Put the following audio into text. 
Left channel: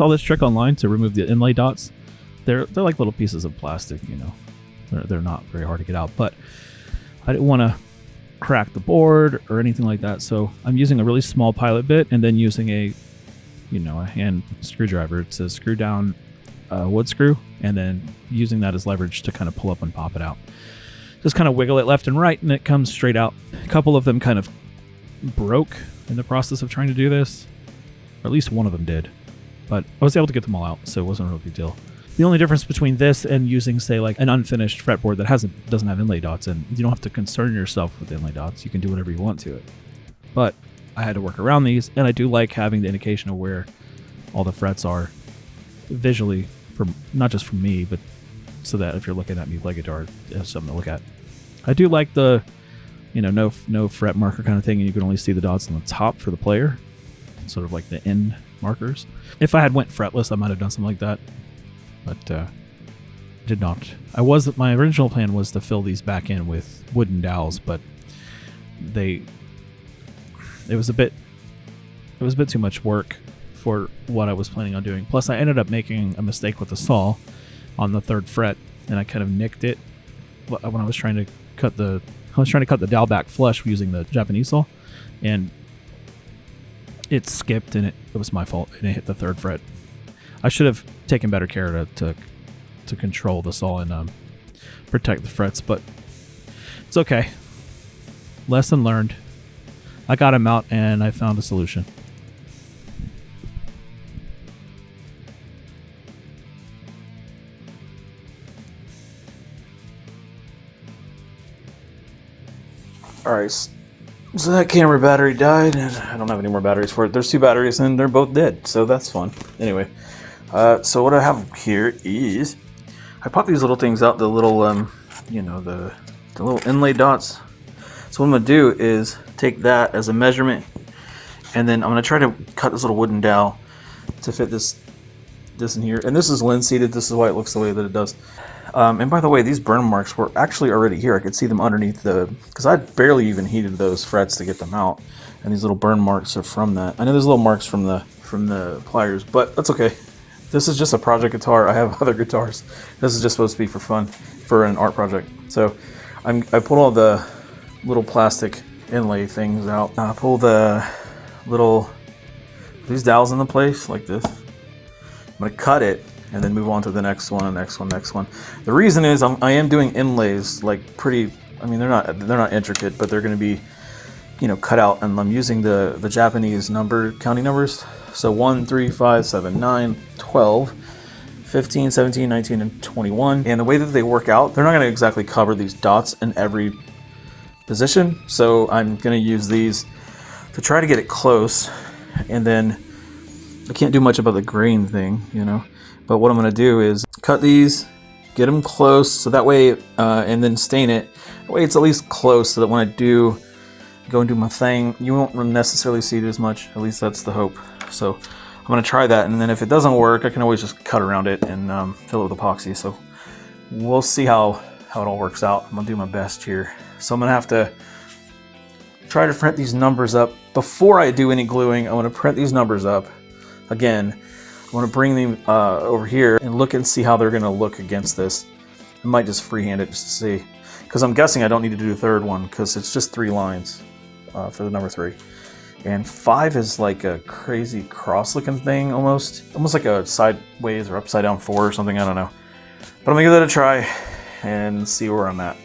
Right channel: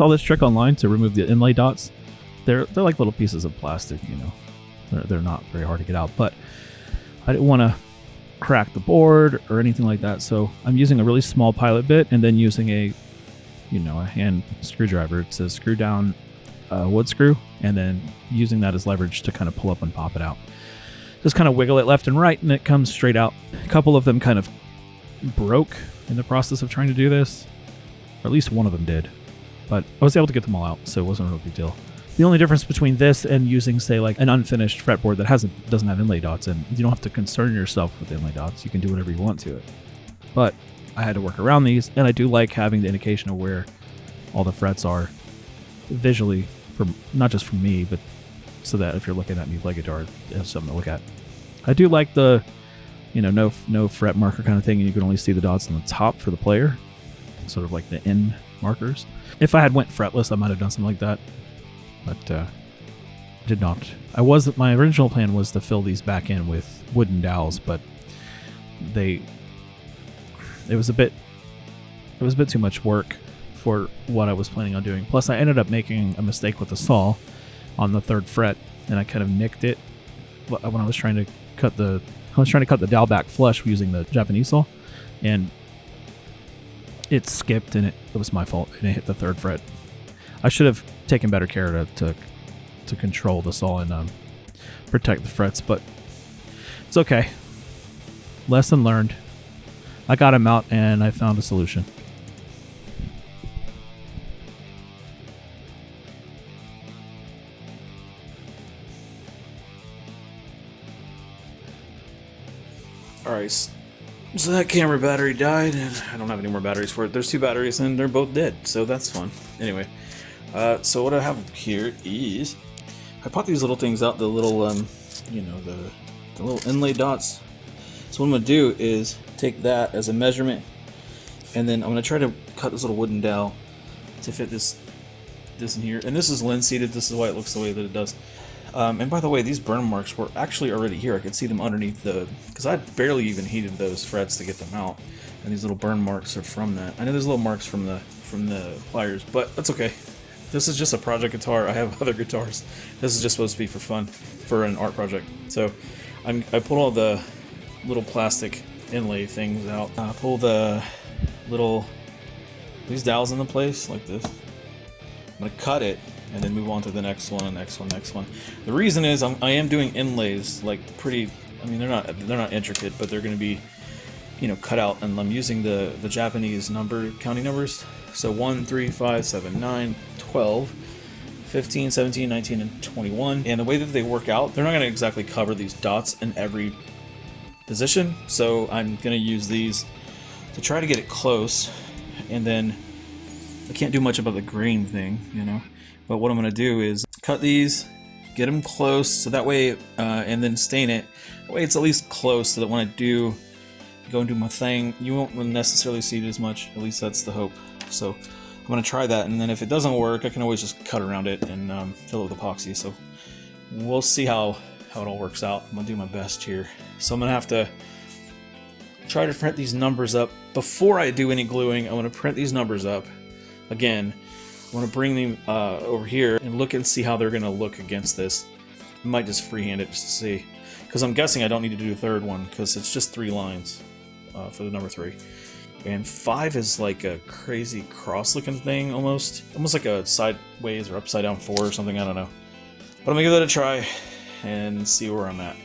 saw this trick online to remove the inlay dots. They're like little pieces of plastic, you know. They're not very hard to get out, but I didn't want to crack the board or anything like that, so I'm using a really small pilot bit and then using a hand screwdriver to screw down a wood screw, and then using that as leverage to kind of pull up and pop it out. Just kind of wiggle it left and right, and it comes straight out. A couple of them kind of broke in the process of trying to do this, or at least one of them did, but I was able to get them all out, so it wasn't a real big deal. The only difference between this and using, say, like an unfinished fretboard that doesn't have inlay dots, and you don't have to concern yourself with inlay dots, you can do whatever you want to it. But I had to work around these, and I do like having the indication of where all the frets are visually, from not just from me, but so that if you're looking at me play guitar, you have something to look at. I do like the, no fret marker kind of thing, and you can only see the dots on the top for the player, sort of like the end markers. If I had went fretless, I might have done something like that. But did not. My original plan was to fill these back in with wooden dowels, but it was a bit too much work for what I was planning on doing. Plus, I ended up making a mistake with the saw on the 3rd fret, and I kind of nicked it when I was trying to cut the dowel back flush using the Japanese saw, and it skipped, and it was my fault, and it hit the 3rd fret. I should have taken better care to control the saw and protect the frets, but it's okay. Lesson learned. I got him out, and I found a solution. Alright, so that camera battery died, and I don't have any more batteries for it. There's 2 batteries, and they're both dead, so that's fun. Anyway. So what I have here is, I popped these little things out, the little, the little inlay dots. So what I'm going to do is take that as a measurement, and then I'm going to try to cut this little wooden dowel to fit this in here. And this is linseeded, this is why it looks the way that it does. And by the way, these burn marks were actually already here. I could see them underneath because I barely even heated those frets to get them out. And these little burn marks are from that. I know there's little marks from the pliers, but that's okay. This is just a project guitar. I have other guitars. This is just supposed to be for fun, for an art project. So I pulled all the little plastic inlay things out. I pull these dowels into place like this. I'm gonna cut it and then move on to the next one, next one. The reason is I am doing inlays like pretty. I mean, they're not intricate, but they're gonna be, cut out, and I'm using the Japanese counting numbers. So 1, 3, 5, 7, 9, 12, 15, 17, 19, and 21. And the way that they work out, they're not going to exactly cover these dots in every position. So I'm going to use these to try to get it close. And then I can't do much about the grain thing, But what I'm going to do is cut these, get them close, so that way, and then stain it. That way it's at least close, so that when I do go and do my thing, you won't necessarily see it as much. At least that's the hope. So I'm going to try that, and then if it doesn't work, I can always just cut around it and fill it with epoxy. So we'll see how it all works out. I'm going to do my best here. So I'm going to have to try to print these numbers up. Before I do any gluing, I want to print these numbers up. Again, I want to bring them over here and look and see how they're going to look against this. I might just freehand it just to see. Because I'm guessing I don't need to do a 3rd one, because it's just 3 lines for the number 3. And 5 is like a crazy cross-looking thing, almost like a sideways or upside down 4 or something. I don't know. But I'm gonna give that a try and see where I'm at.